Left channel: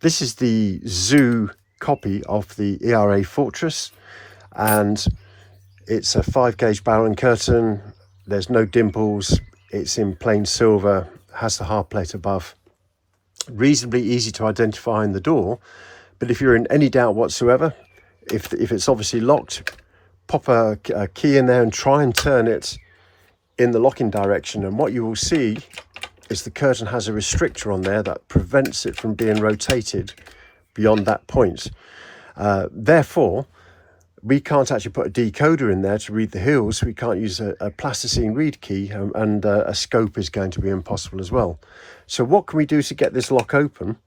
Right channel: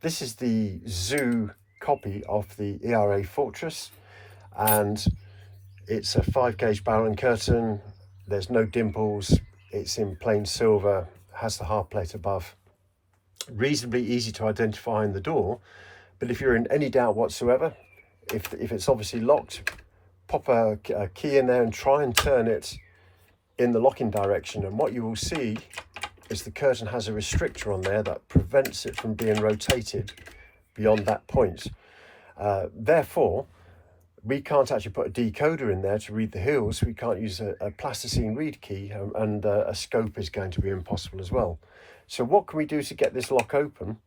This is the Zoo copy of the ERA Fortress, and it's a 5-gauge barrel and curtain. There's no dimples. It's in plain silver, has the hard plate above. Reasonably easy to identify in the door, but if you're in any doubt whatsoever, if it's obviously locked, pop a key in there and try and turn it in the locking direction, and what you will see is the curtain has a restrictor on there that prevents it from being rotated beyond that point. Therefore, we can't actually put a decoder in there to read the heels. We can't use a plasticine read key, and a scope is going to be impossible as well. So what can we do to get this lock open?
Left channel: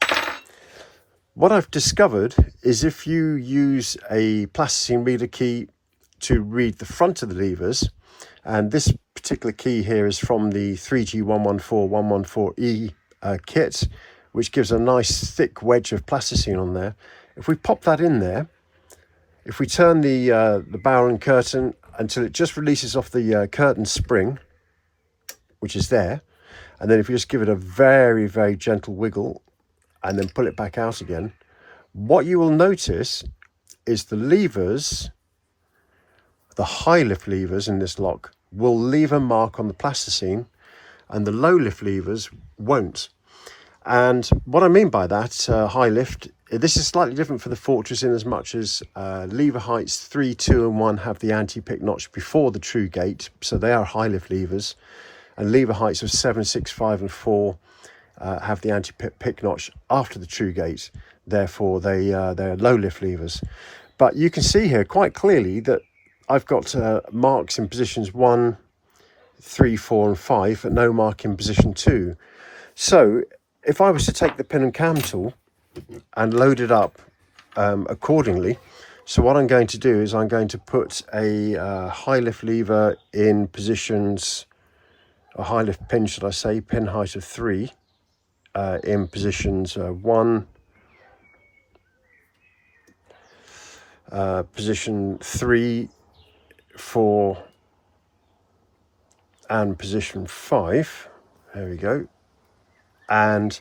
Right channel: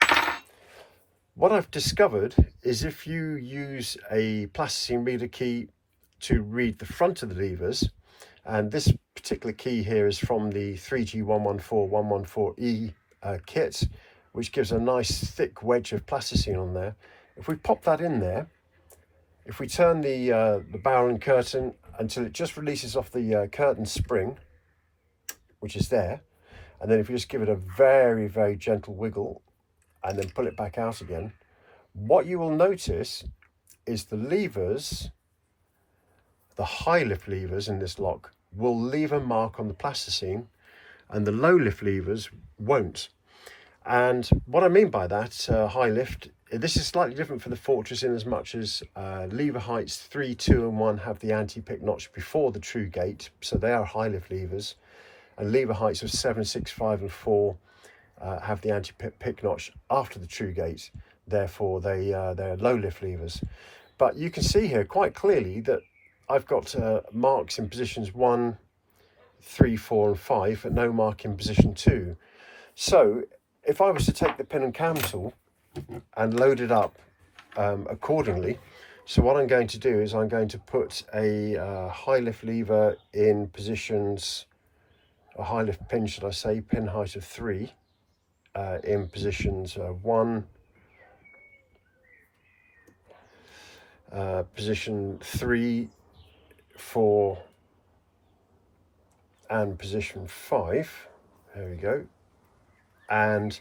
What I've discovered is if you use a plasticine reader key to read the front of the levers, and this particular key here is from the 3G114 kit, which gives a nice thick wedge of plasticine on there. If we pop that in there, if we turn the barrel and curtain until it just releases off the curtain spring, which is there, and then if you just give it a very, very gentle wiggle and then pull it back out again, what you will notice is the levers, the high lift levers in this lock, will leave a mark on the plasticine, and the low lift levers won't. And what I mean by that, high lift, this is slightly different for the Fortress in as much as lever heights 3, 2 and 1 have the anti-pick notch before the true gate, so they are high lift levers, and lever heights of 7, 6, 5 and 4 have the anti-pick notch after the true gate, therefore they're low lift levers. But you can see here quite clearly that I've got marks in positions 1, 3, 4 and 5, but no mark in position 2. So if I was to take the pin and cam tool and load it up accordingly, so what I'm going to do is I'm going to put a high lift lever in positions, a high lift pin should I say, pin height of 3, in positions 1, position 3, 4 and position 5. There we go. And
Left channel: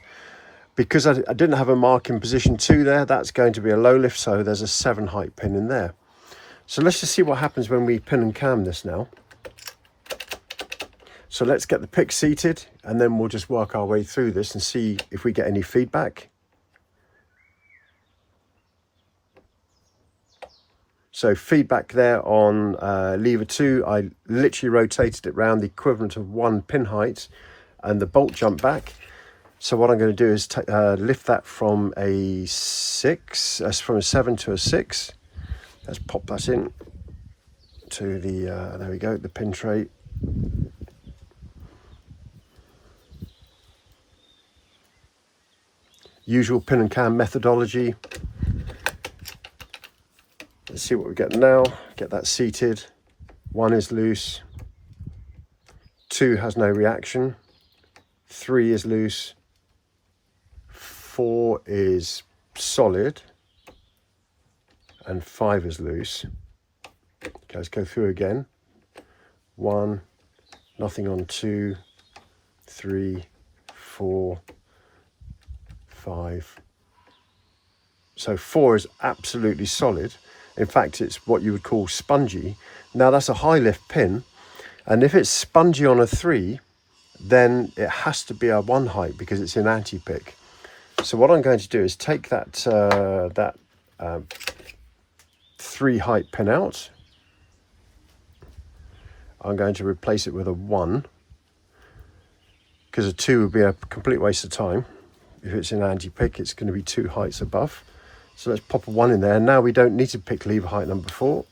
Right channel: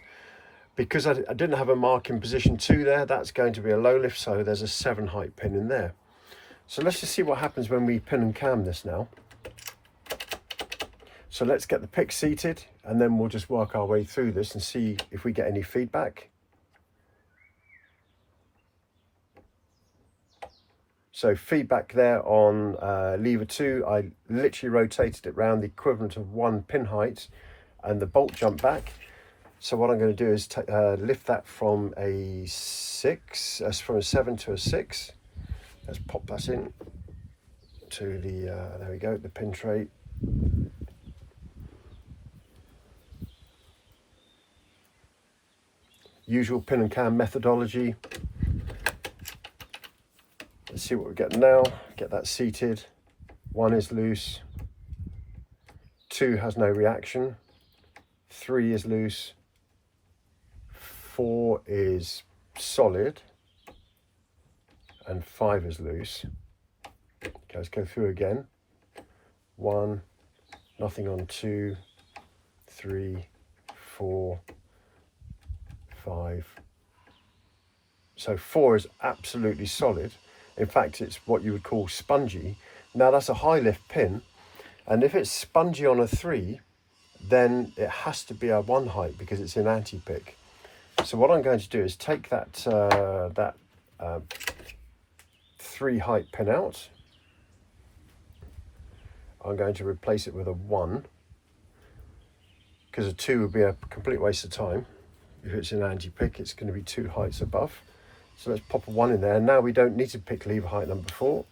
because I didn't have a mark in position 2 there, that's going to be a low lift, so there's a 7 height pin in there. So let's just see what happens when we pin and cam this now. So let's get the pick seated, and then we'll just work our way through this and see if we get any feedback. So feedback there on lever 2, I literally rotated it round the equivalent of 1 pin height, and the bolt jumped back. So what I'm going to do is lift that from a 6, from a 7 to a 6. Let's pop that in to the, there we go, the pin tray. Usual pin and cam methodology. Let's see what we get now. Get that seated. 1 is loose. 2 has no reaction. 3 is loose. 4 is solid. And 5 is loose. Okay, let's go through again. 1, nothing on 2, 3, 4, 5. So 4 is absolutely solid. In fact, it's what you would call spongy. Now that's a high lift pin, and if it's spongy on a 3, then it has to be a 1 height because it's in anti-pick. So what I'm going to do is take that 3 height pin out. I'm going to replace it with a 1 because a 2 would be a complete waste of time. If it's in anti-pick, it's going to be 2 heights above. So let's pop a 1 in there. Now we don't need to pick lever height number 4.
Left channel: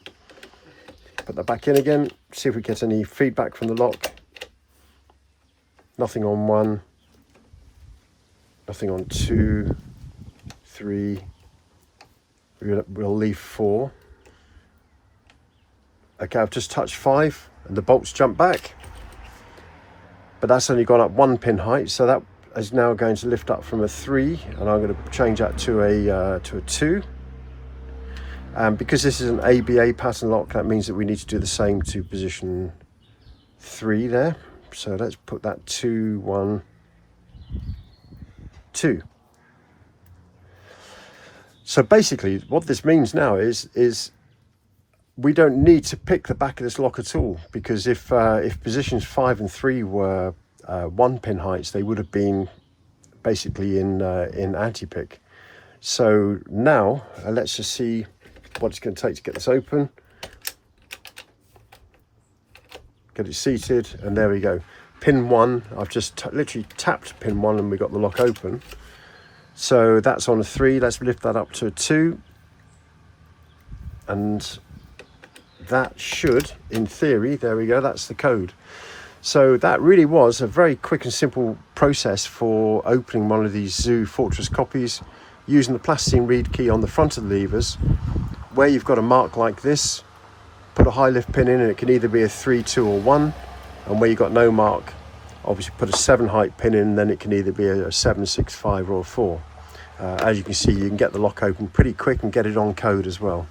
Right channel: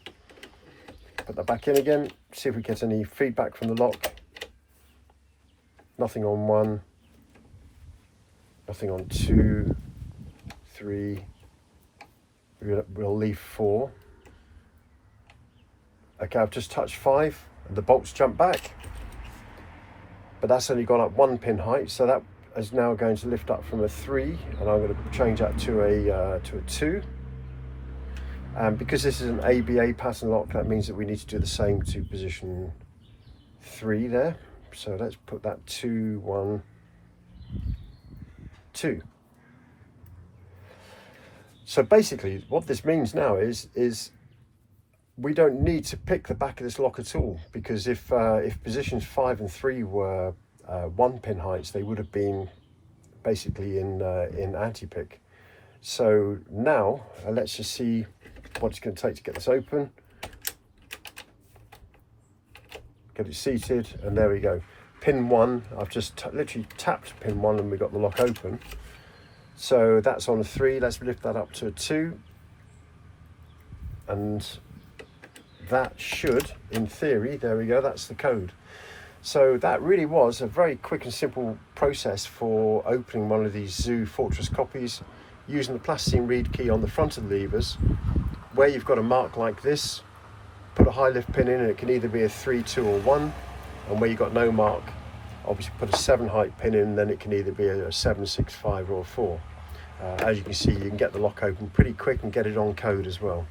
Put that back in again, see if we get any feedback from the lock. Nothing on 1, nothing on 2, 3, we'll leave 4. Okay, I've just touched 5 and the bolts jump back. But that's only gone up 1 pin height, so that is now going to lift up from a 3, and I'm going to change that to a 2. And because this is an ABA pattern lock, that means that we need to do the same to position 3 there. So let's put that 2, 1, 2. So basically what this means now is we don't need to pick the back of this lock at all, because if positions 5 and 3 were 1 pin heights, they would have been basically in anti-pick. So now let's just see what it's going to take to get this open, get it seated, and there we go. Pin 1, I've just literally tapped pin 1 and we got the lock open. So that's on a 3. Let's lift that up to a 2, and that should, in theory, there we go, that's the code. So that really was a very quick and simple process for opening one of these Zoo Fortress copies using the plasticine reed key on the front of the levers. Where you've got a mark like this, put a high lift pin in, and it can either be a 3, 2 or 1. And where you've got no mark, obviously put a 7 height pin in, then it can either be a 7, 6, 5 or a 4. As you can see, you can get the lock open pretty quick and get it on code as well.